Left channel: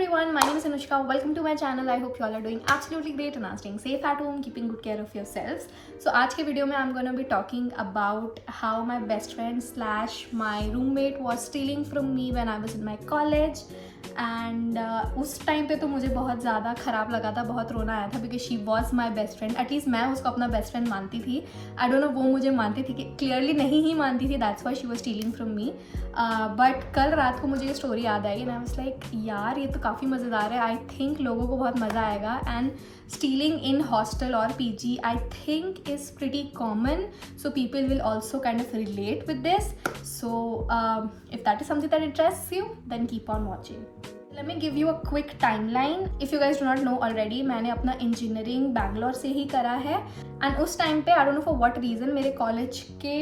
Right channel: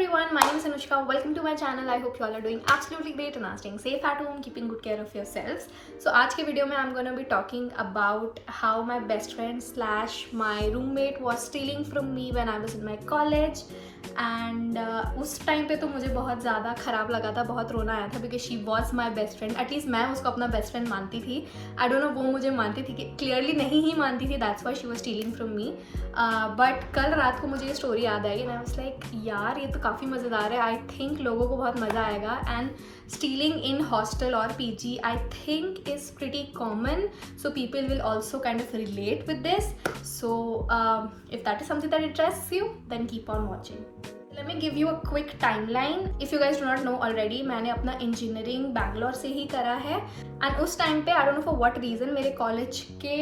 everyone, my name is Anushka. Welcome to my channel. I hope you all are doing absolutely great and are staying safe at home, keeping good care of yourselves. So आज के video में I'm gonna be talking about how my best friend slash my roommate was stealing from me when I was in my college. And उस time पे तो मुझे बहुत ज़्यादा ख़राब लगा था, बहुत रोना आया था because she was my best friend. At least मैं उसको अपना बेस्ट फ्रेंड मानती थी. आई डोंट नो वो मुझे मानती थी कि क्लियरली नहीं ही मानती थी. That's why she was stealing from me. But कल रात को मुझे ये स्टोरी याद आई एंड आई वाज लाइक यार ये तो काफ़ी मज़ेदार है. आई थिंक लोगों को बहुत मज़ा आएगा. And stealing in hostel or PG I think is pretty common, so people will also kind of relate with this. So if that is something that interests you, then keep on watching. Let me give you a quick timeline. If you guys do not know already, मैंने अपना engineering Bangalore से ही करा है. And उस time पे I don't know for what reason मेरे college के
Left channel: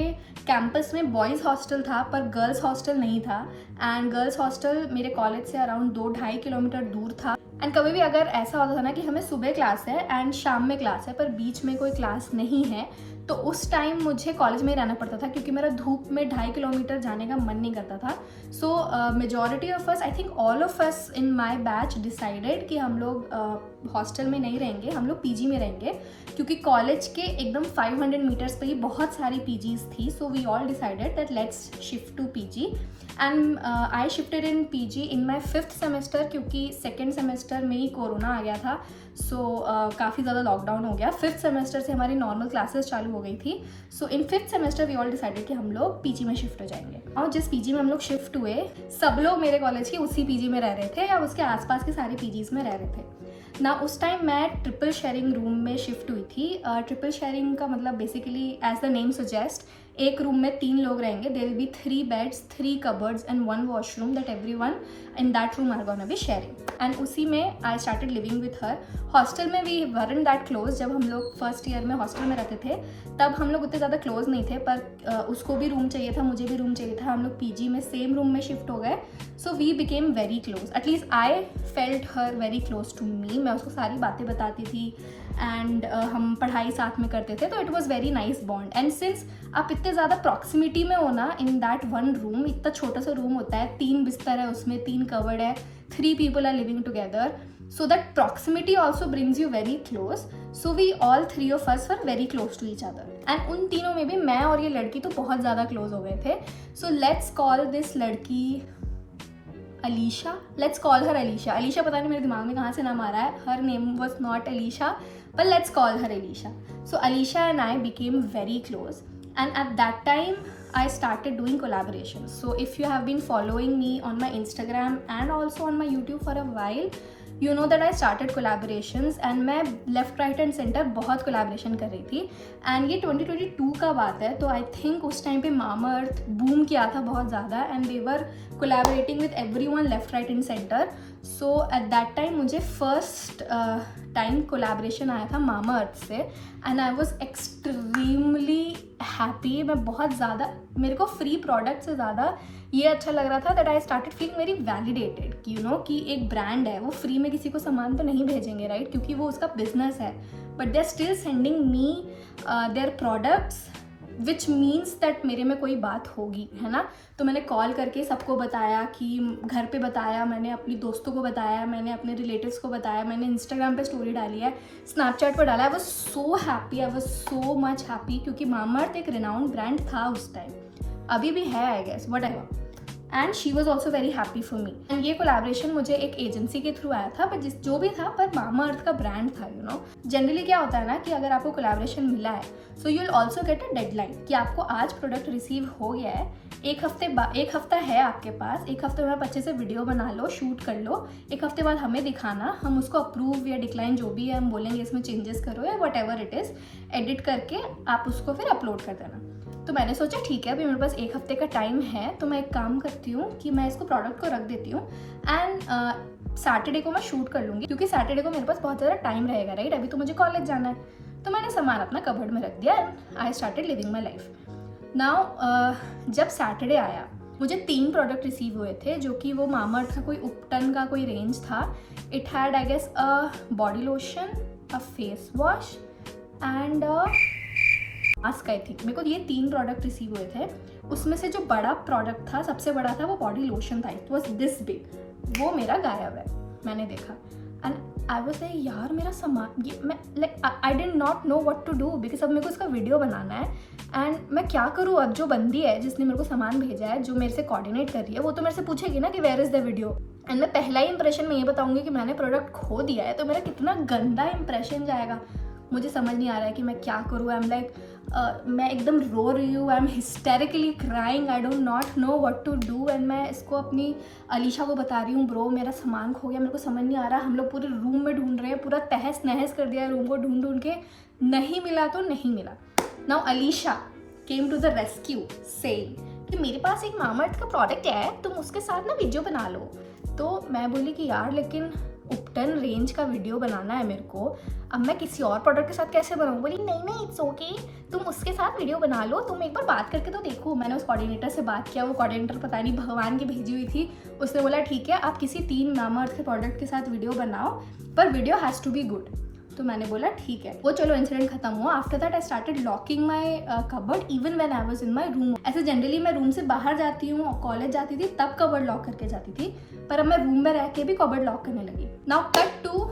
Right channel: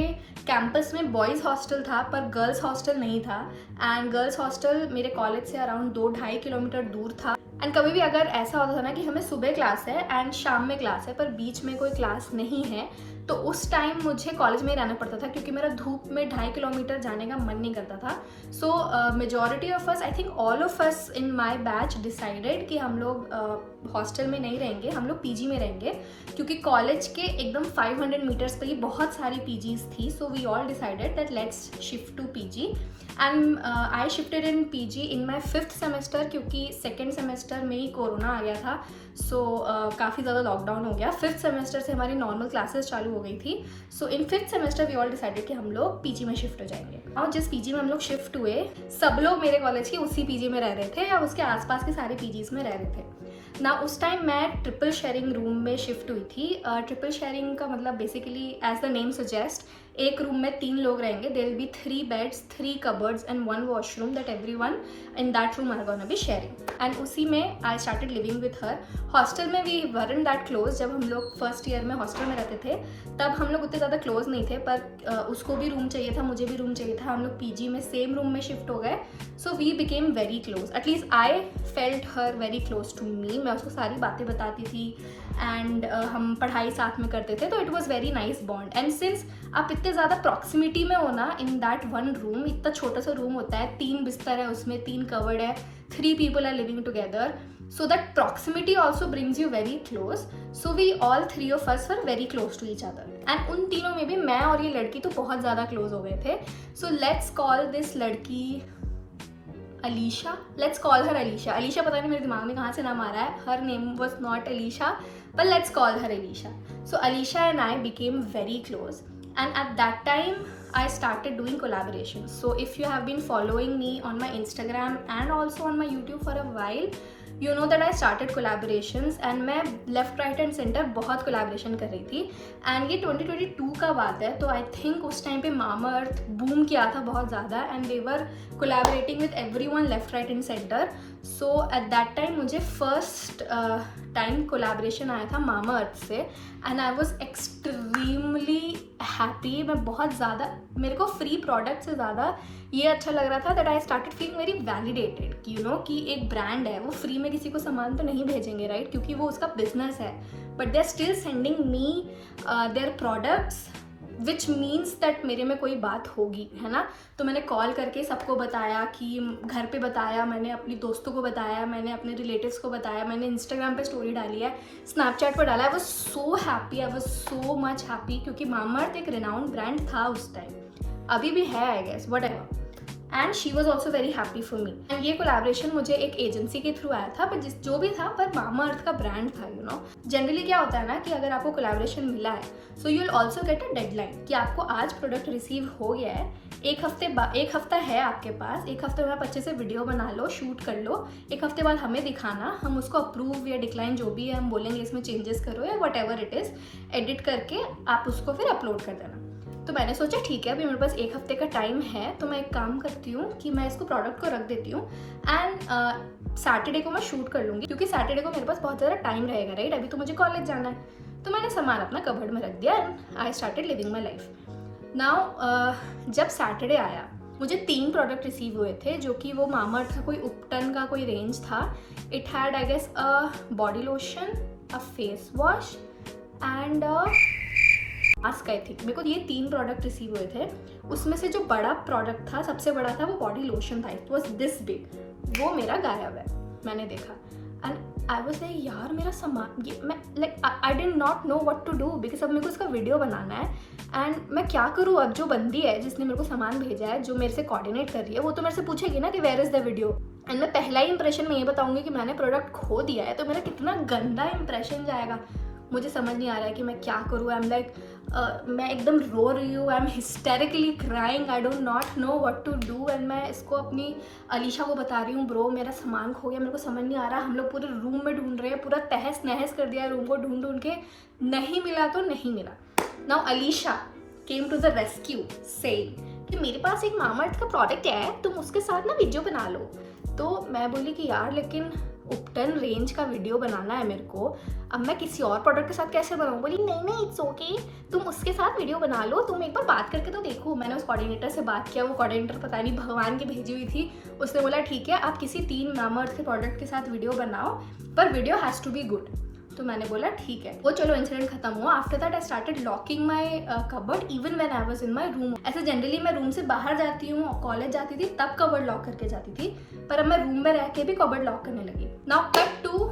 campus में बॉयज़ हॉस्टल था पर गर्ल्स हॉस्टल नहीं था. एंड गर्ल्स हॉस्टल मेरे कॉलेज से अराउंड 2-2.5 किलोमीटर दूर था. एंड कभी भी अगर ऐसा होता था ना कि हमें सुबह क्लास है एंड शाम में क्लास है पर बीच में कोई क्लास नहीं है, तो उस टाइम मुझे कॉलेज में ही रहना पड़ता था क्योंकि मेरा धूप में 2.5 किलोमीटर जाने का मन नहीं करता था. सो majority of us, I think all of us in my batch decided कि हम लोग हॉस्टल में नहीं रहेंगे, हम लोग पीजी में रहेंगे क्योंकि कॉलेज के एकदम 500 मीटर्स पे ही बहुत सारी पीजीज थी. So we all decided that let's shift to PG. And I shifted in PG in my 5th semester क्योंकि 2nd सेमेस्टर में ही कोरोना आ गया था. सो काफ़ी ज़्यादा लॉकडाउन हो गया. 5th सेमेस्टर से हमारी नॉर्मल क्लासेस चालू हो गई थी. So in 5th semester we all decided कि हम लोग पीजी में शिफ्ट हो जाएंगे. और जिस पीजी में हम लोग शिफ्ट हुए सब लोग मेरे कॉलेज के उसी पीजी में रह रहे थे या उसके आसपास के सारे पीजीज में रह रहे थे ना. उस टाइम मैं ट्रिपल शेयरिंग रूम में शिफ्ट हुई थी. ट्रिपल शेयरिंग का मतलब basically as the name suggest, एक रूम में 3 लोग रहेंगे. There will be 3 beds, 3 cupboards and 1 washroom that everyone in that room are gonna be sharing. And उसी में I started living with her. Hostel में we weren't that close. जब हम लोग फर्स्ट ईयर में हॉस्टल में रहते थे तब हम लोग उतने ज़्यादा क्लोज नहीं थे पर उसको भी रूम चाहिए था, मुझे भी रूम चाहिए था. हम लोग पीजी में सेम रूम में शिफ्ट हो गए. So we became very close. At least I felt her very close to me. मैं उसको सारी बातें बताती थी एंड हम पढ़ाई साथ में करते थे. तो it was very nice bond. And since आप इतने ज़्यादा प्रॉक्सिमिटी में हो ना इन दैट वन रूम, इतना छोटा सा रूम होता है, 3 बिस्तर है उसमें, 3 कवर्ड है, 3 people are living together, so that proximity also brings you very close. So we all 3 of us were very close to each other. And उन तीनों में भी मैं और ये लड़की तो बहुत ज़्यादा क्लोज हो गए थे. So let's call this लड़की Alisha. Let's call her Alisha. Alisha पता नहीं मेरे दिमाग में कहाँ से नाम आ रहा है. Her name was not Alisha, but let's call her Alisha. So Alisha and I became very close. And at that time I started doing collaborations. So if you have been following me on my Instagram and also on my YouTube for a while, you know that I started collaborations. and मैं left right and center बहुत collaboration कर रही थी. and ये 2022 का बात है तो I think उस टाइम पे Mamaearth boom किया था बहुत ज़्यादा and they were collaborating with everyone left right and center. so at that time मुझे first टाइम कोलैबोरेशन आया था Mamaearth से and I was extremely happy. मैं बहुत ज़्यादा, मेरे को फ्री प्रोडक्ट से ज़्यादा ये अच्छा लग रहा था that I started feeling very validated कि यू नो कि एक ब्रांड है, वो फ्री में किसी को सामान तो नहीं भेजेंगे राइट, क्योंकि वो उसका बिजनेस है. But they are still sending me their products which means that मेरे में कोई बात होगी, है ना. तो मैंने कॉल करके सबको बताया कि घर पे बताया, मैंने अपनी दोस्तों को बताया, मैंने अपने रिलेटिव्स को बताया, मैंने इंस्टाग्राम पे स्टोरी डाली है, स्नैपचैट पर डाला. I was so happy, I was so much happy क्योंकि Mamaearth एक रिनाउंड ब्रांड था उस टाइम, अभी भी है I guess, whatever. And she was also very happy for me. And ये कोलैबोरेशन मुझे एक एजेंसी के थ्रू आया था पर जो भी था पर Mamaearth का ब्रांड था. यू नो जनरली क्या होता है ना कि अगर आपको कोलैबोरेशन मिला है so you will also get a deadline कि आपको आज प्रोडक्ट रिसीव हो गया है, एक हफ्ता है आपके पास, एक हफ्ते में आप अच्छे से वीडियो बना लो, शूट कर लो, एक हफ्ते बाद हमें दिखाना, हम उसको अप्रूव या डिक्लाइन जो भी है हम बोलेंगे इसमें चेंजेस करो या what ever it is, edit करके आप उसको फिर अपलोड कर देना. तो मैंने सोचा ठीक है अभी मेरे पास एक हफ्ते का टाइम है तो मैं एक काम करती हूँ कि मैं इसको प्रोडक्ट को रख देती हूँ एंड सैटरडे को मैं शूट कर लूँगी क्योंकि सैटरडे को मेरे पास बहुत ज़्यादा टाइम रहेगा राइट, अभी तो मुझे कॉलेज जाना है. तो मैंने सामान अपना कबर्ड में रख दिया and I started living my life. Now जब सैटरडे आया मुझे 3 प्रोडक्ट रिसीव हुए थे जो कि वो Mamaearth का कोई उपटन का कोई रेंज था. It had I guess a body lotion, a face wash and mask. I think मेरे को ये 3 प्रोडक्ट रिसीव हुए थे. उसमें से जो बड़ा प्रोडक्ट था, सबसे बड़ा था, वो बॉडी लोशन था. It was this big. वो मेरा गायब है. मैंने देखा एंड आई वाज लाइक यार मेरा सामान ये मैं like I did not know what to do because अब मेरे को इसका वीडियो बनाना है एंड मैं क्या करूँ। अब जो बंदी है जिसने मेरे को सामान भेजा है, जो मेरे से कोऑर्डिनेट कर रही है, वो तो मेरे से पूछेगी ना कि where is the video. And मैं पहला ही इंप्रेशन में ये बताऊंगी कि मैंने प्रोडक्ट खो दिया है, तो मेरा कितना गंदा इंप्रेशन जाएगा। मुझे समझ नहीं आ रहा है कि मैं क्या करूँ। आई एम लाइक मैं एकदम रो रही हूँ, I am hysterically crying, I don't not know what to do. And मैं इसको अपनी अलीशा को बता रही हूँ, ब्रो मेरा सामान खो गया, मेरे को समझ नहीं आ रहा। हम लोग पूरे रूम में ढूंढ रहे हैं, पूरा तहस नहस कर दिया है रूम को ढूंढ ढूंढ के, नहीं मिला तो नहीं मिला। Now Alisha came to the rescue saying कि मेरे पास एक मामाअर्थ का प्रोडक्ट है, तुम उसके साथ ना वीडियो बना लो। तो मैं बोली कि यार लेकिन उपटन रेंज का वीडियो बनाना है मेरे को, अब मैं किसी और प्रोडक्ट के साथ कैसे बनाऊँ। बोली नहीं इट्स ओके, तुम उसके साथ वीडियो बना लो, तुम एक बार बात करके तो देखो। मैंने उस कोऑर्डिनेटर से बात किया, वो कोऑर्डिनेटर पता नहीं भगवान की भेजी हुई थी। उसने बोला ठीक है आप किसी 3 मामाअर्थ के प्रोडक्ट के साथ वीडियो बनाओ, पर video has to be good. तो मैंने बोला ठीक है। वो चलो इंसिडेंट खत्म हुआ। After that I started locking my cupboard even when I was in my room. ऐसे जनरली मैं रूम से बाहर जाती हूँ, कॉलेज जाती थी तब कबर्ड लॉक करके जाती थी, पर अब मैं रूम में रह के भी कबर्ड लॉक करने लगी। नाउ कट टू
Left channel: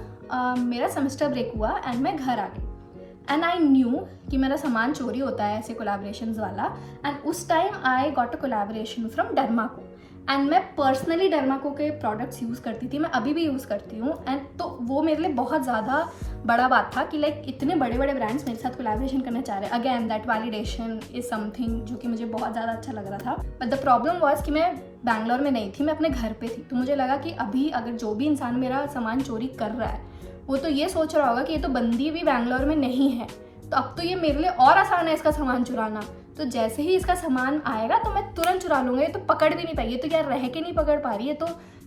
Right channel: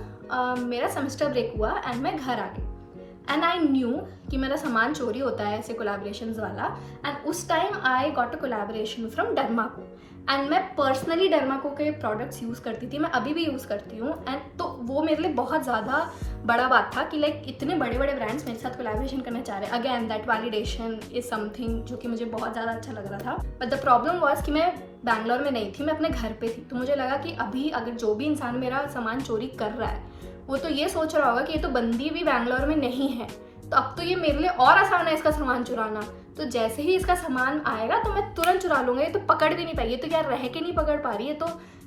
मेरा सेमेस्टर ब्रेक हुआ एंड मैं घर आ गई एंड आई न्यू कि मेरा सामान चोरी होता है ऐसे कोलैबोरेशंस वाला। एंड उस time I got a collaboration from Dermaco and मैं पर्सनली डर्माको के प्रोडक्ट्स यूज़ करती थी, मैं अभी भी यूज़ करती हूँ। एंड तो वो मेरे लिए बहुत ज़्यादा बड़ा बात था कि लाइक इतने बड़े बड़े ब्रांड्स मेरे साथ कोलैबोरेशन करना चाह रहे हैं। Again that validation is something जो कि मुझे बहुत ज़्यादा अच्छा लग रहा था। बट द प्रॉब्लम वॉज कि मैं बैंगलोर में नहीं थी, मैं अपने घर पे थी। तो मुझे लगा कि अभी अगर जो भी इंसान मेरा सामान चोरी कर रहा है वो तो ये सोच रहा होगा कि ये तो बंदी भी बैंगलोर में नहीं है, तो अब तो ये मेरे लिए और आसान है इसका सामान चुराना। तो जैसे ही इसका सामान आएगा तो मैं तुरंत चुरा लूँगा। ये तो पकड़ भी नहीं पाएगी, ये तो यार रह के नहीं पकड़ पा रही है, तो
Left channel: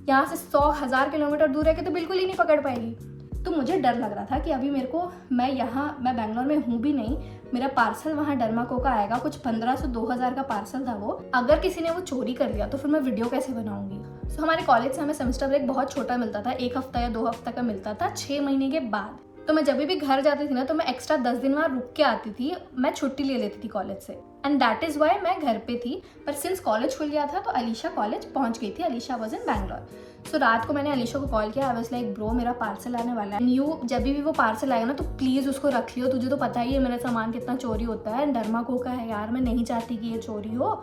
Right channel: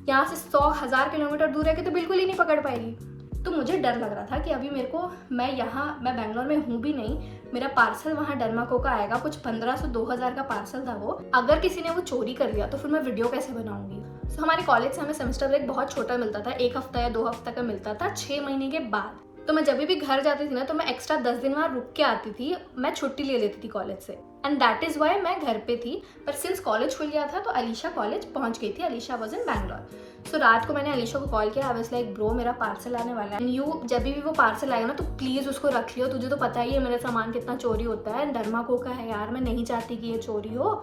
यहाँ से 100,000 किलोमीटर दूर रह के तो बिल्कुल ही नहीं पकड़ पाएगी। तो मुझे डर लग रहा था कि अभी मेरे को मैं बैंगलोर में हूँ भी नहीं, मेरा पार्सल वहाँ डर्माको का आएगा, कुछ 1500-2000 का पार्सल था वो। अगर किसी ने वो चोरी कर लिया तो फिर मैं वीडियो कैसे बनाऊंगी। सो हमारे कॉलेज से हमें सेमेस्टर ब्रेक बहुत छोटा मिलता था, 1 हफ्ता या 2 हफ्ता का मिलता था 6 महीने के बाद। तो मैं जब भी घर जाती थी ना तो मैं एक्स्ट्रा 10 दिन वहाँ रुक के आती थी, मैं छुट्टी ले लेती थी कॉलेज से। एंड दैट इज़ वाई मैं घर पे थी। पर सिंस कॉलेज खुल गया था तो अलीशा कॉलेज पहुँच गई थी, अलीशा वॉज इन बैंगलोर। सो रात को मैंने अलीशा को कॉल किया, आई वाज लाइक ब्रो मेरा पार्सल आने वाला है, यू जब भी वो पार्सल आएगा ना तो प्लीज़ उसको रख लियो, तुझे तो पता ही है मेरा सामान कितना चोरी होता है, डर्माको का है यार, मैं नहीं चाहती कि ये चोरी हो।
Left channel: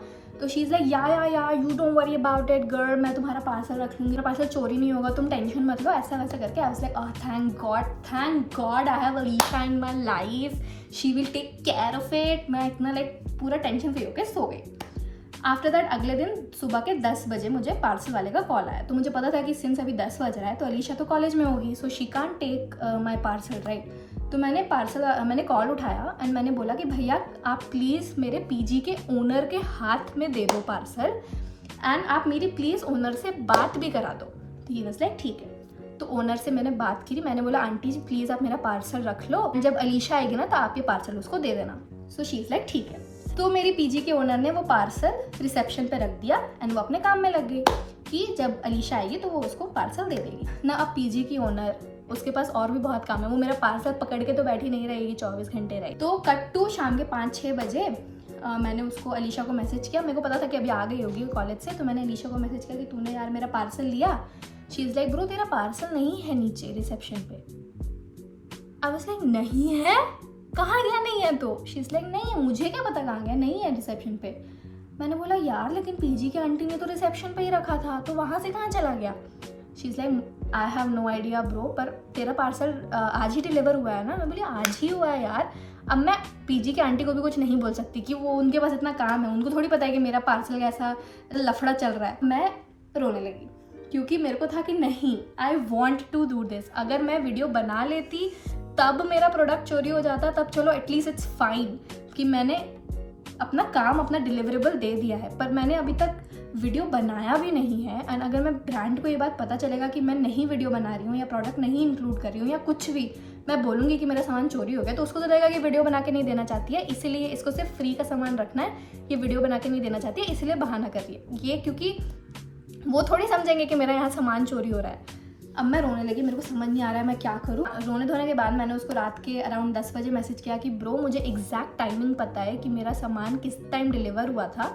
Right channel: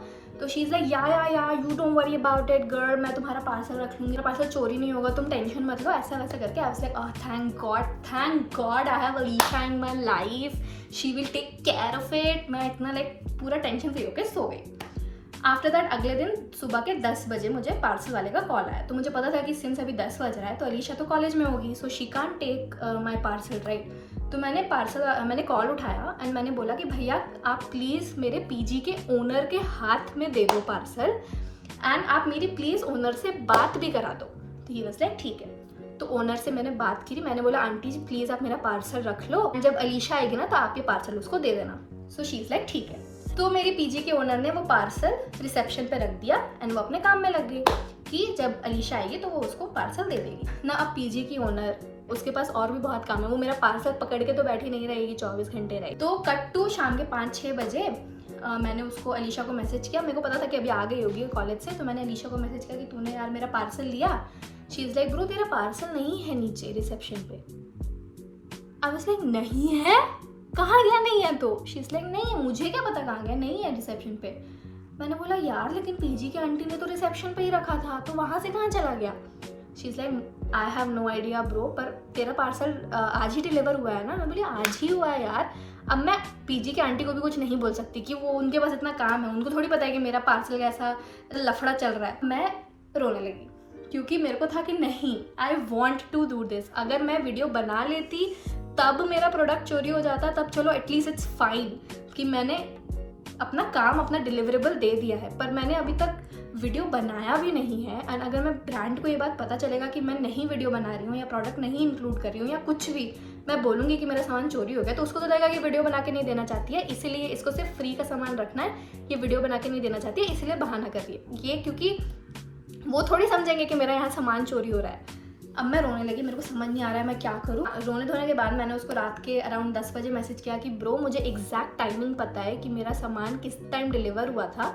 तो शी इज़ लाइक या you don't worry about it girl, मैं तुम्हारा पार्सल रख लूँगी, मेरा पार्सल चोरी नहीं होगा, तुम टेंशन मत लो, ऐसा वैसा करके। I was like thank God I have Alisha in my life, she will take care of it. मैं इतना लाइक पूरा टेंशन फ्री होकर सो गई। आफ्टर दैट अगले दिन सुबह के 10 बजे मुझे पार्सल वाले का कॉल आया। तो मुझे पता था कि सिंस अभी 10 बज रहा है तो अलीशा तो कॉलेज में होगी, so she can't take my parcel right. तो मैंने कॉल उठाया एंड मैंने बोला कि भैया आप प्लीज़ मेरे पीजी के ओनर के हाथ में दे दो पार्सल एंड आप मेरी प्लीज़ ओनर से बात भी करा दो। तो ही वाज लाइक ठीक है। तो ओनर से मैंने बात की, मैंने बोला आंटी जी प्लीज़ आप मेरा पार्सल रख लो, जब अलीशा आएगी ना तो आप ये पार्सल उसको दे देना। सो शी इज़ लाइक ठीक है। तो मेरी पीजी के ओनर ने वो पार्सल रिसेप्शन पे रख दिया एंड वो अपने काम में लग गई कि जब अलीशा आएगी तो वो उसको पार्सल दे देगी ना। अब पीजी की ओनर, उसके पास और भी बहुत काम है, वो मेरा पार्सल पकड़ के तो बैठी नहीं रहेगी 24 घंटे रहेगी। तो कट टू शाम के 5-6 बजे मैंने उसको अलीशा को मैसेज किया, मेरे को पता था कि अभी आ गई होगी कॉलेज से, तो मैंने अलीशा को मैसेज किया कि तूने यार मेरा पार्सल लिया। शी इज़ लाइक ब्रो तेरा पार्सल नहीं है नीचे रिसेप्शन पे। आई वाज लाइक नहीं है, कहाँ गया नहीं है? तो शी इज़ लाइक नहीं है, मुझे क्या पता कहाँ गया, नहीं है रिसेप्शन पे। मैंने बोला यार लेकिन पीजी की आंटी ने तो रिसेप्शन पे ही रखा था, तो वहाँ से कहाँ चला गया? She is like I have no idea bro, पर तेरा पार्सल आज ही डिलीवर हुआ है ना। मैं बोली आज ही हुआ है यार। अब मैं पीजी की आंटी को भी कुछ नहीं बोल सकती कि वो उनके पास इतना काम है, उनको थोड़ी पता है कि मेरा पार्सल कैसा लफड़ा चल रहा है। मैं रोने लगी क्योंकि मेरे को था कि नहीं, I want to do this. अगर मैं वीडियो बना लेती तब मेरा प्रोडक्ट चोरी हो जाता, तब चलो एटलीस्ट इट्स फाइन कि मैंने अपना काम, अपना डिलीवरेबल दे दिया है, पर मैंने अभी तक वीडियो बनाया भी नहीं है। एंड अगर मैं ब्रांड को ये बात पता चलेगा कि मैं नहीं वीडियो बना रही हूँ या प्रोडक्ट नहीं इंक्लूड कर रही हूँ या कुछ भी, मैं बोलूँगी कि मेरा सामान चोरी हो गया, तो उसको तो लगेगा कि वीडियो बना के नहीं देना चाहती है, इसीलिए इसको सिर्फ फ्री का सामान रखना है, ये वीडियो बना के नहीं देना चाहती है, इसलिए बहाना कर रही है ये, क्योंकि वो थोड़ी समझेंगे कि मेरा यहाँ सामान चोरी हो रहा है। अब मैं रोने लगी, मेरे को समझ नहीं आ रहा है मैं क्या करूँ। रोने धोने के बाद मैंने उसको रात के अराउंड 10 बजे मैसेज किया कि ब्रो मुझे एग्जैक्ट टाइमिंग पता है कि मेरा सामान किस टाइम डिलीवर हुआ था,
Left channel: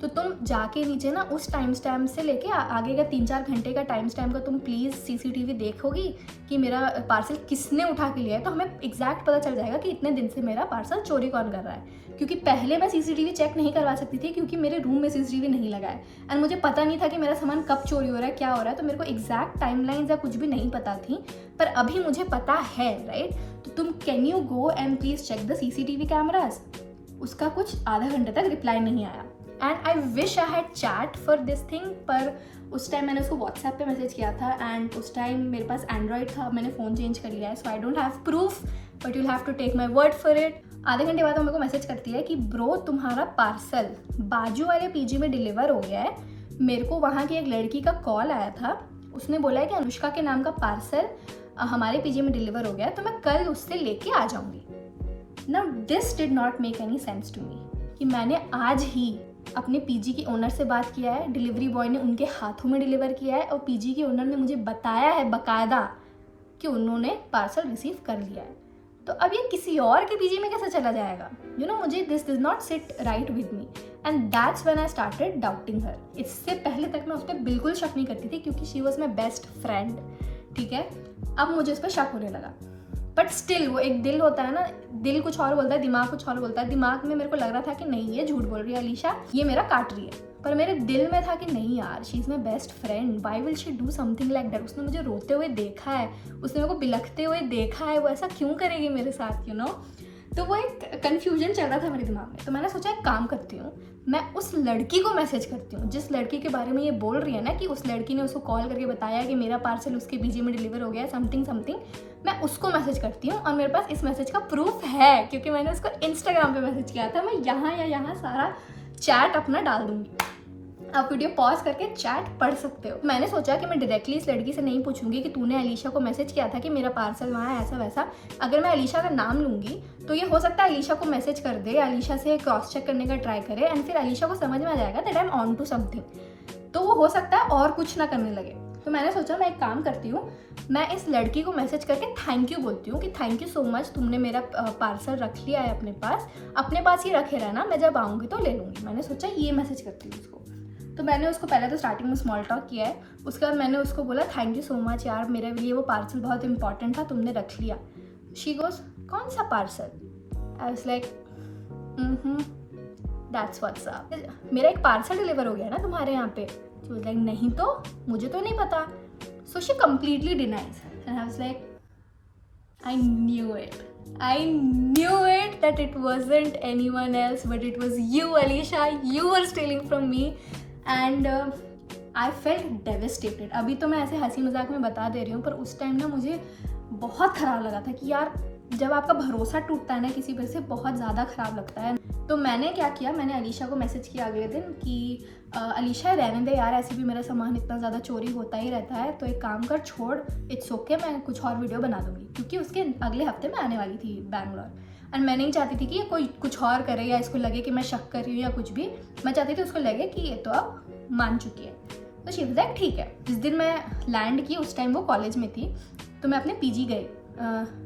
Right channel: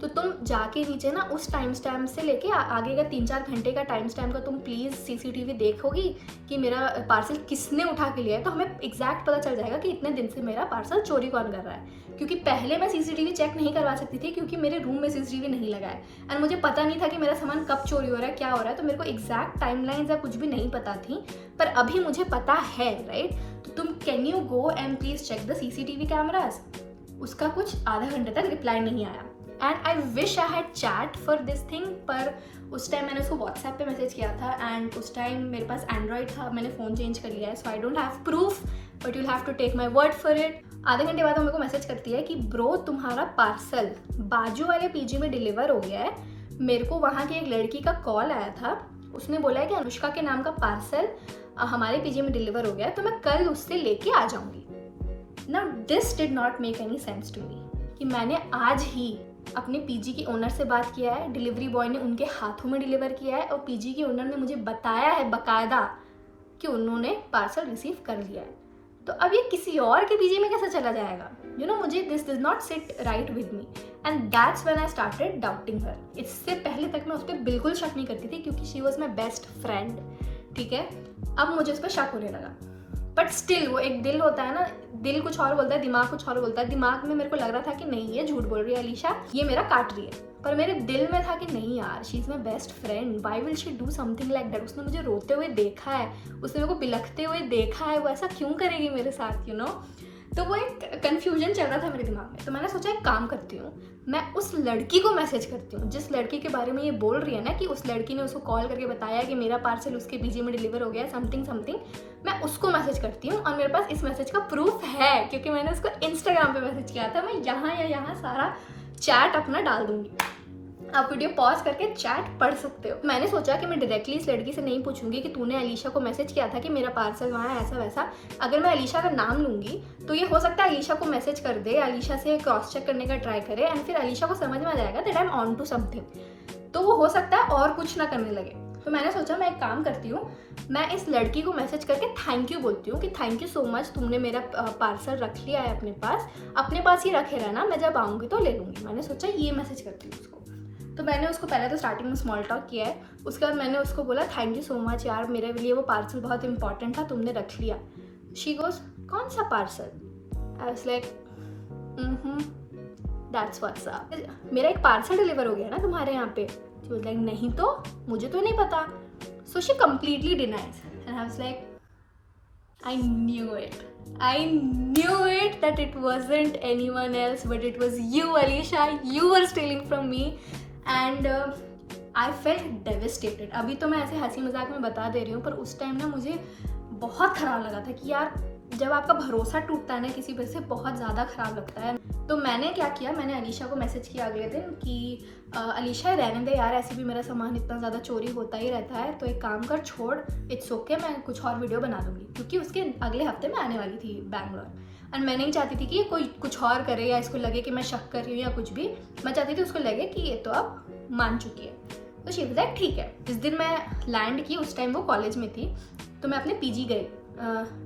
तो तुम जाके नीचे ना उस टाइम स्टैम्प से लेके आगे का 3-4 घंटे का टाइम स्टैम्प का तुम प्लीज़ CCTV देखोगी कि मेरा पार्सल किसने उठा के लिया है, तो हमें एग्जैक्ट पता चल जाएगा कि इतने दिन से मेरा पार्सल चोरी कौन कर रहा है। क्योंकि पहले मैं CCTV चेक नहीं करवा सकती थी क्योंकि मेरे रूम में CCTV नहीं लगा है एंड मुझे पता नहीं था कि मेरा सामान कब चोरी हो रहा है, क्या हो रहा है, तो मेरे को एग्जैक्ट टाइमलाइंस या कुछ भी नहीं पता थी। पर अभी मुझे पता है, राइट? तो तुम can you go and please check the CCTV cameras. उसका कुछ आधा घंटे तक रिप्लाई नहीं आया and I wish I had chat for this thing, पर उस टाइम मैंने उसको व्हाट्सएप पे मैसेज किया था एंड उस टाइम मेरे पास एंड्रॉयड था, मैंने फ़ोन चेंज कर लिया है, so I don't have proof but you'll have to take my word for it. आधे घंटे बाद वो मेरे को मैसेज करती है कि ब्रो तुम्हारा पार्सल बाजू वाले PG में डिलीवर हो गया है। मेरे को वहाँ की एक लड़की का कॉल आया था, उसने बोला है कि अनुष्का के नाम का पार्सल हमारे PG में डिलीवर हो गया है, तो मैं कल उससे लेके आ जाऊँगी। Now this did not make any sense to me कि मैंने आज ही अपने PG के ओनर से बात किया है, डिलीवरी बॉय ने उनके हाथों में डिलीवर किया है और PG के ओनर ने मुझे बताया है बाकायदा कि उन्होंने पार्सल रिसीव कर लिया है। तो अब ये किसी और के PG में कैसे चला जाएगा? यू नो, मुझे this does not sit right with me and that's when I started doubting her. इससे पहले तक मैं उस पर बिल्कुल शक नहीं करती थी क्योंकि she was my best friend, ठीक है? अब मुझे उस पर शक होने लगा, बट स्टिल वो एक दिल होता है ना, दिल कुछ और बोलता है, दिमाग कुछ और बोलता है। दिमाग में मेरे को लग रहा था कि नहीं ये झूठ बोल रही है अलीशा, ये मेरा काट रही है, पर मेरे दिल में था कि नहीं यार, she is my best friend, why will she do something like that. उसने मुझे रोते हुए देखा है, उसने मेरे को बिलखते हुए देखा है, वो ऐसा क्यों करेगी मेरे साथ, यू नो? तो वो एक कन्फ्यूजन चल रहा था मेरे दिमाग में। तो मैंने सोचा एक काम करती हूँ, मैं उस लड़की को मैसेज करती हूँ जिस लड़की के बारे में ये बोल रही है ना कि उस लड़की ने उसको कॉल करके बताया कि मेरा पार्सल उसके PG में डिलीवर हो गया है, समथिंग समथिंग। मैं उसको मैसेज करती हूँ और मेरे पास इस मैसेज का प्रूफ है क्योंकि मैंने उसको इंस्टाग्राम पे मैसेज किया था। मैं यहाँ या यहाँ सारा चैट अपना डाल दूँगी, आप वीडियो पॉज करके चैट पढ़ सकते हो। मैंने सोचा कि मैं डायरेक्टली इस लड़की से नहीं पूछूंगी कि तूने अलीशा को मैसेज किया था कि मेरा पार्सल वहाँ है, ऐसा वैसा। अगर मैं अलीशा का नाम लूँगी तो ये हो सकता है अलीशा को मैसेज कर दे, अलीशा से क्रॉस चेक करने का ट्राई करे एंड फिर अलीशा को समझ में आ जाएगा that I am on to something, तो वो हो सकता है और कुछ ना करने लगे। तो मैंने सोचा मैं एक काम करती हूँ, मैं इस लड़की को मैसेज करके थैंक यू बोलती हूँ कि थैंक यू सो मच, तुमने मेरा पार्सल रख लिया है अपने पास ही रखे रहना, मैं जब आऊँगी तो ले लूँगी। मैंने सोचा ये मैसेज करती हूँ उसको। तो मैंने उसको पहले तो स्टार्टिंग में स्मॉल टॉक किया है, उसके बाद मैंने उसको बोला थैंक यू सो मच यार, मेरे लिए वो पार्सल बहुत इंपॉर्टेंट था, तुमने रख लिया। शी गोज कौन सा parcel? I was like that's what's up, मेरा एक पार्सल डिलीवर हो गया ना तुम्हारे यहाँ पे। शी वाज लाइक नहीं तो, मुझे तो नहीं पता। So she completely denies and I was like I knew it that it wasn't anyone else but it was you, Alisha. You were stealing from me and I felt devastated. अभी तो मैं ऐसे हंसी मजाक में बता दे रही हूँ, पर उस टाइम ना मुझे बहुत ख़राब लगा था कि यार जब आपका भरोसा टूटता है ना किसी पर से, बहुत ज़्यादा ख़राब लगता है। तो मैंने क्या किया, मैंने अलीशा को मैसेज किया अगले दिन कि अलीशा रहने दे यार, ऐसे भी मेरा सामान इतना ज़्यादा चोरी होता ही रहता है, तो एक काम कर, छोड़, इट्स ओके, मैं कुछ और वीडियो बना दूँगी। क्योंकि उसके अगले हफ्ते मैं आने वाली थी बैंगलोर एंड मैं नहीं चाहती थी कि ये कोई कुछ और करे या इसको लगे कि मैं शक कर रही हूँ या कुछ भी। मैं चाहती थी उसको लगे कि ये तो अब मान चुकी है। तो शी वाज लाइक ठीक है। जिस दिन मैं लैंड की उस टाइम वो कॉलेज में थी, तो मैं अपने PG गई,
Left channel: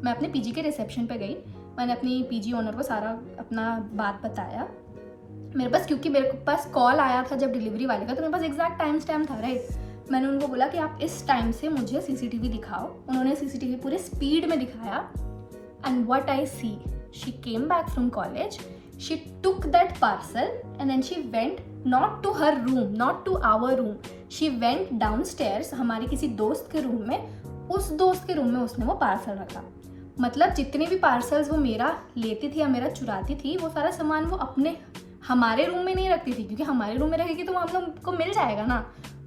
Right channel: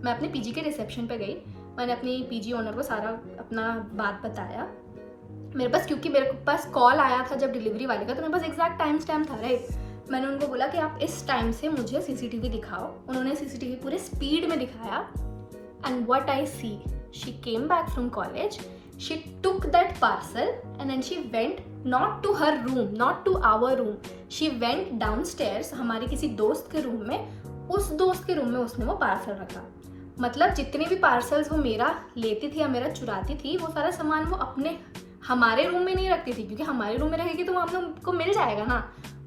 मैं अपने PG के रिसेप्शन पे गई। मैंने अपनी PG ओनर को सारा अपना बात बताया मेरे पास, क्योंकि मेरे पास कॉल आया था जब डिलीवरी वाले का, तो मेरे पास एग्जैक्ट टाइम स्टैम्प था, राइट। मैंने उनको बोला कि आप इस टाइम से मुझे CCTV दिखाओ। उन्होंने CCTV पूरे स्पीड में दिखाया and what I see, she came back from college, she took that parcel and then she went not to her room, not to our room, she went downstairs हमारी किसी दोस्त के room में। उस दोस्त के रूम में उसने वो पार्सल रखा। मतलब जितने भी पार्सल्स वो मेरा लेती थी या मेरा चुराती थी, वो सारा सामान वो अपने हमारे रूम में नहीं रखती थी, क्योंकि हमारे रूम में रखेगी तो वो हम लोग को मिल जाएगा ना।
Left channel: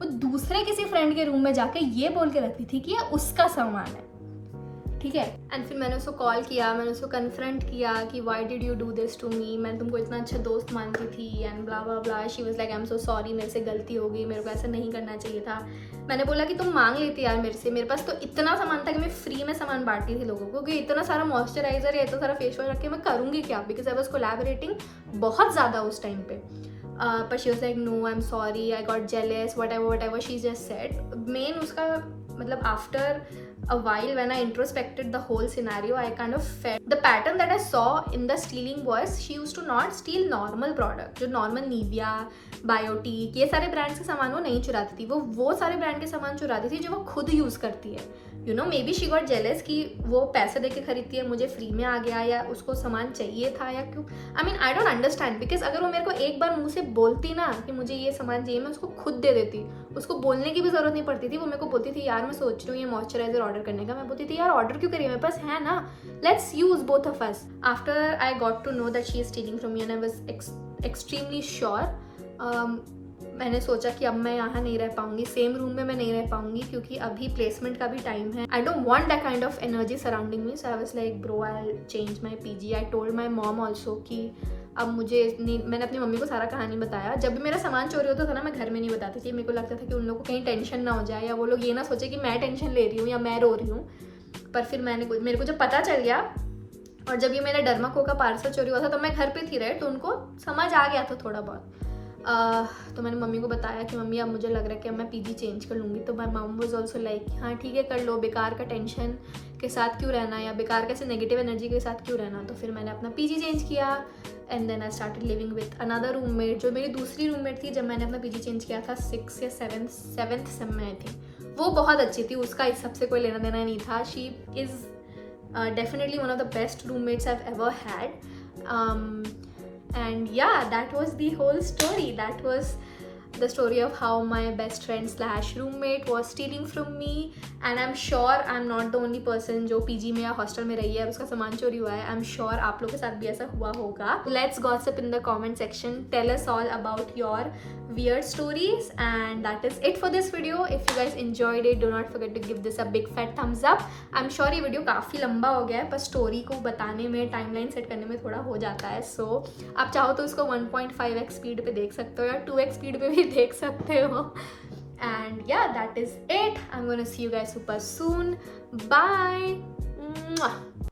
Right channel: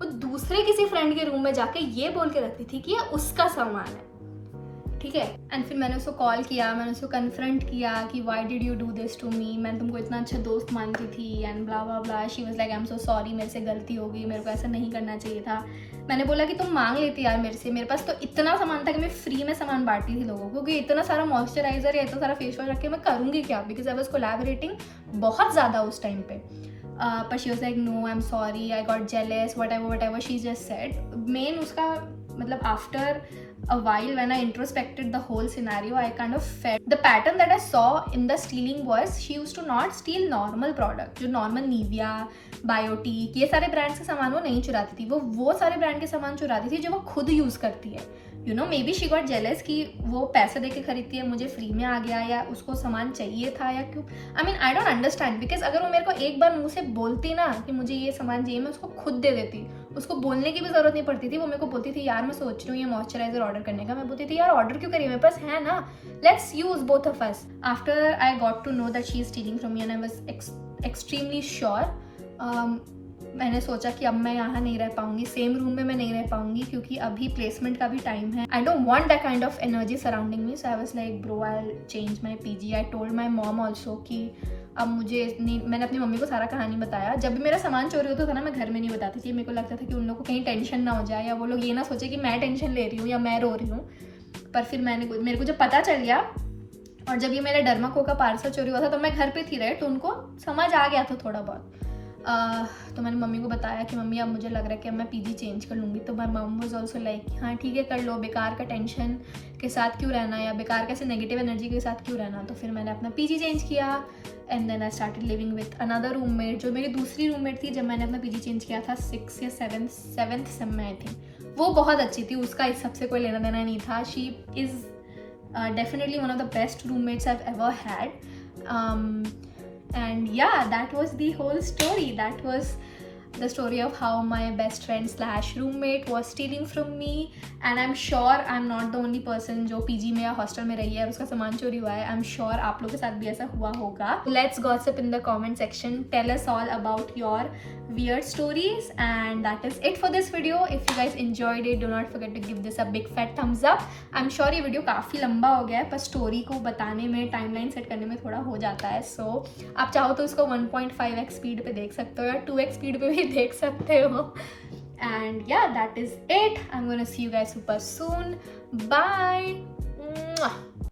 वो दूसरे किसी फ्रेंड के रूम में जाके ये बोल के रखती थी कि ये उसका सामान है, ठीक है। एंड फिर मैंने उसको कॉल किया, मैंने उसको कन्फ्रंट किया कि why did you do this to me, मैं तुमको इतना अच्छा दोस्त मानती थी and blah blah blah. She was like I am so sorry, मेरे से गलती हो गई, मेरे को ऐसा नहीं करना चाहिए था। मैंने बोला कि तुम मांग लेती यार मेरे से, मेरे पास तो इतना सामान था कि मैं फ्री में सामान बांटती थी लोगों को, कि इतना सारा मॉइस्चराइजर या इतना सारा फेस वॉश रख के मैं करूँगी क्या, बिकॉज आई वाज कोलैबोरेटिंग बहुत ज़्यादा उस टाइम पे। पर she was like no I am sorry, I got jealous, whatever she just said. मेन उसका मतलब after a while when I introspected the whole scenario, I kind of felt the pattern that I saw in the stealing was she used to not steal normal product, जो normal Nivea, Biotique, ये सारे brands के सामान वो नहीं चुराती थी, वो सारे ब्रांड के सामान चुराती थी जो वो खुद यूज़ करती है. You know, may be she got jealous कि वो पैसे दे के खरीदती है, मुझे फ्री में आ गया, या उसको सामान चाहिए था, या क्यों. I mean I don't understand, because अगर वो मेरे को एक बार मुंह से बोलती ना कि मुझे ये सामान चाहिए, मैं उसको खुद दे देती. उसको बोलने की भी ज़रूरत नहीं पड़ती थी. वो मेरे को बोलती थी यार मैं सोच रही हूँ ये मॉइस्चराइजर ऑर्डर करने का. मैं बोलती थी यार ऑर्डर क्यों करिए, मेरे पास है ना, let's use both of us. After I got to know that she is stealing from me and I was extremely sure. मैंने सोचा कि अब मैं यहाँ नहीं रह पाऊंगी, सेम रूम में मैं नहीं रह पाऊंगी, क्योंकि अभी प्लेसमेंट का भी टाइम है. I don't want that kind of energy surrounding me. So I was like bro I will change my PG. I told my mom also कि अब मुझे नहीं, मैंने अपनी मम्मी को सारा कहानी बताया. जब भी मेरा सामान चोरी होता था ना, मैं घर में नहीं बताती थी. मेरे को लगता था कि उन लोगों को कहीं टेंशन ना हो जाए, या वो लोग ये ना सोचे कि मैं टेंशन ले रही हूँ या मैं रो रही हूँ. पर फिर मेरे को जब पता चल गया, और जब ये मेरा डर्माको का पार्सल चोरी हुआ था तो मैं घर पे थी, राइट. तो उनको समझ आ गया था थोड़ा बहुत. तो मैंने मम्मी को बताया कि मम्मी अब मुझे लग रहा है कि अब मैं पीजी चेंज कर लूँगी. तो माई मम वाज आल्सो लाइक हाँ ठीक है कर लो, बेकार का टेंशन के साथ क्यों रहना, या बेकार कैसे नेगेटिव एनर्जी के साथ क्यों रहना. तो फिर मैंने अपना पीजी चेंज किया and then I started living with another roommate, जो मेरी दूसरी रूममेट थी. जब मैंने अपना पीजी चेंज किया था 6th या 7th सेम में आई थिंक. वो बहुत अच्छी थी, उसका इस सबसे कोई लेना देना नहीं था. She is definitely one of the best roommates I've ever had. And yeah, that was the whole story. That was the story of how my best friend slash roommate was stealing from me. And I'm sure I'm not the only person जो PG में या hostel में रही है और उसका सामान चोरी हुआ है. I'm sure आप लोगों के साथ भी ऐसा हुआ होगा. Let's gossip in the comment section. Tell us all about your weird stories. And that is it for this video. If you guys enjoyed it, do not forget to give this a big fat thumbs up. I'm sure ये video काफ़ी लंबा हो गया है, पर story को बताने में, टाइमलाइन सेट करने में थोड़ा हो जाता है. सो आप चाहो तो इसको 1.5x स्पीड पे देख सकते हो, या 2x स्पीड पे भी देख सकते हो. And yeah, that is it. I'm gonna see you guys super soon. Bye.